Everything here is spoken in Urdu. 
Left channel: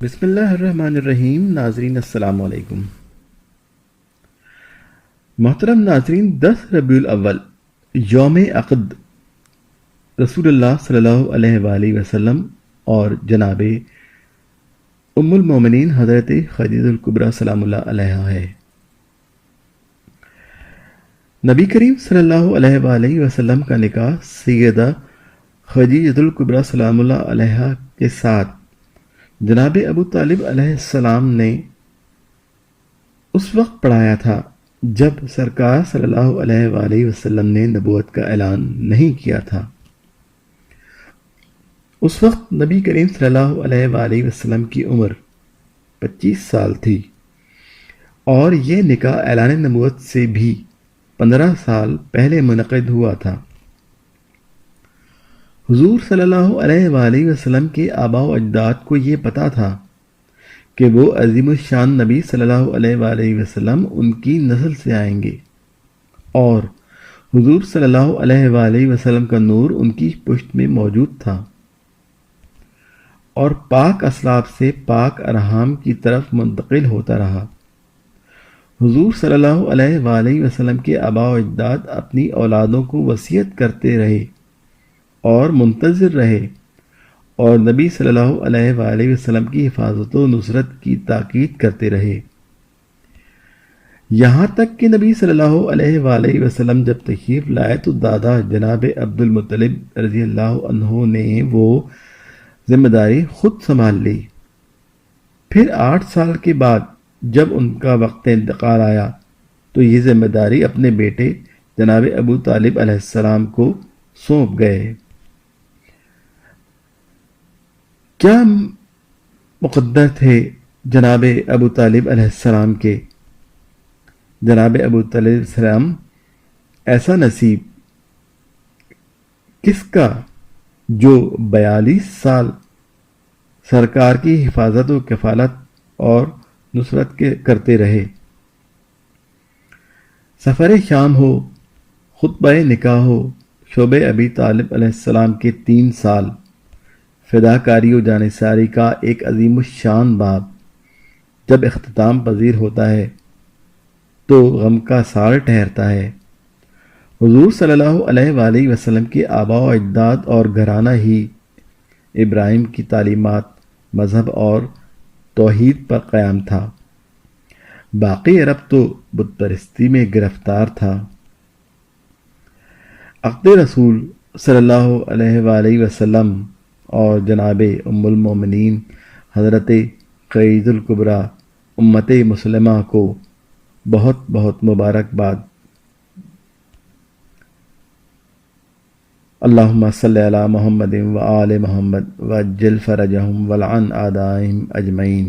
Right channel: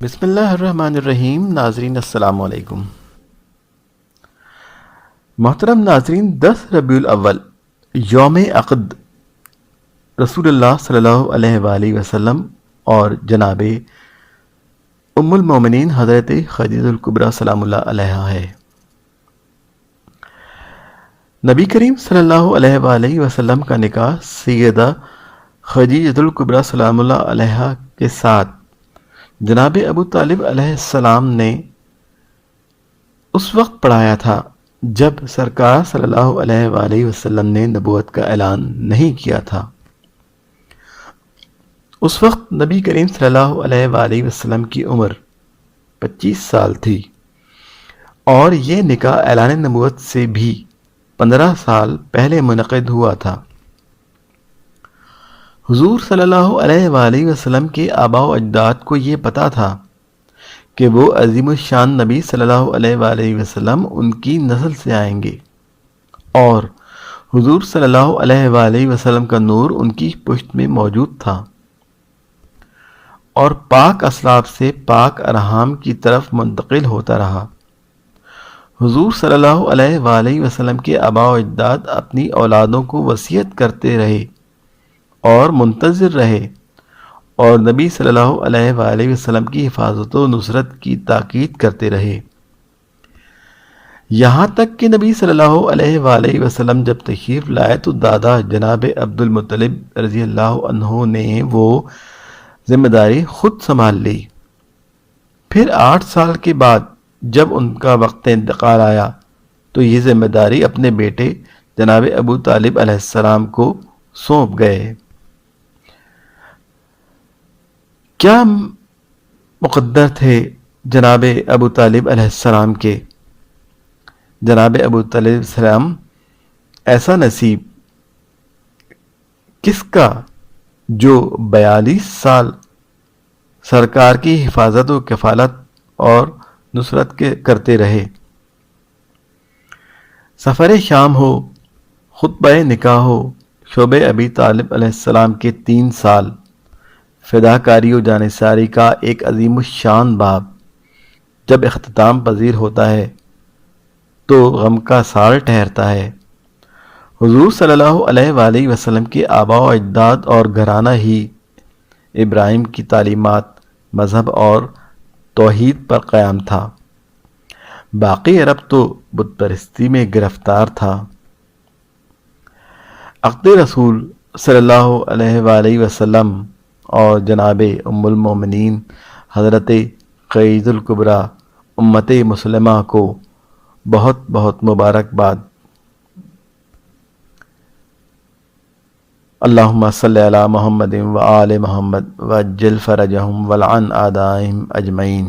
بسم اللہ الرحمن الرحیم. ناظرین السلام علیکم. محترم ناظرین، 10 ربیع الاول یوم عقد رسول اللہ صلی اللہ علیہ وآلہ وسلم اور جناب ام المومنین حضرت خدیجہ الکبریٰ سلام اللہ علیہا ہے. نبی کریم صلی اللہ علیہ وآلہ وسلم کا نکاح سیدہ خدیجہ الکبریٰ سلام اللہ علیہا کے ساتھ جناب ابو طالب علیہ السلام نے اس وقت پڑھایا تھا جب سرکار صلی اللہ علیہ وآلہ وسلم نے نبوت کا اعلان نہیں کیا تھا. اس وقت نبی کریم صلی اللہ علیہ وآلہ وسلم کی عمر 25 سال تھی اور یہ نکاح اعلان نبوت سے بھی 15 سال پہلے منعقد ہوا تھا. حضور صلی اللہ علیہ وآلہ وسلم کے آباء و اجداد کو یہ پتہ تھا کہ وہ عظیم الشان نبی صلی اللہ علیہ وآلہ وسلم ان کی نسل سے آئیں گے اور حضور صلی اللہ علیہ وآلہ وسلم کا نور ان کی پشت میں موجود تھا اور پاک اسلاف سے پاک ارحام کی طرف منتقل ہوتا رہا. حضور صلی اللہ علیہ وآلہ وسلم کے آباء و اجداد اپنی اولادوں کو وصیت کرتے رہے اور منتظر رہے اور نبی صلی اللہ علیہ وآلہ وسلم کی حفاظت و نصرت کی تاکید کرتے رہے، یہاں تک کہ نبی صلی اللہ علیہ وآلہ وسلم جب تشریف لائے تو دادا جناب عبد المطلب رضی اللہ عنہ نے وہ ذمہ داری خود سنبھال لی. پھر 8 سال کے بعد جب ان کا وقت انتقال آیا تو یہ ذمہ داری اپنے بیٹے جناب ابو طالب علیہ السلام کو سونپ گئے. کیا مقدر تھے جناب ابو طالب علیہ السلام کے. جناب ابو طالب علیہ السلام ایسا نصیب کس کا جو 42 سال سرکار کی حفاظت و کفالت اور نصرت کے کرتے رہے. سفر شام ہو، خطبہ نکاح ہو، شعب ابی طالب علیہ السلام کے 3 سال فداکاری و جانثاری کا ایک عظیم الشان باب جب اختتام پذیر ہوتا ہے تو غم کا سال ٹھہرتا ہے. حضور صلی اللہ علیہ وآلہ وسلم کے آباء و اجداد اور گھرانہ ہی ابراہیم کی تعلیمات، مذہب اور توحید پر قائم تھا. باقی عرب تو بت پرستی میں گرفتار تھا. عقد رسول صلی اللہ علیہ وآلہ وسلم اور جناب ام المومنین حضرت خدیجہ الکبریٰ امت مسلمہ کو بہت بہت مبارکباد. اللہم صلی علی محمد و آل محمد وعجل فرجہم ولعن اعدائہم اجمعین.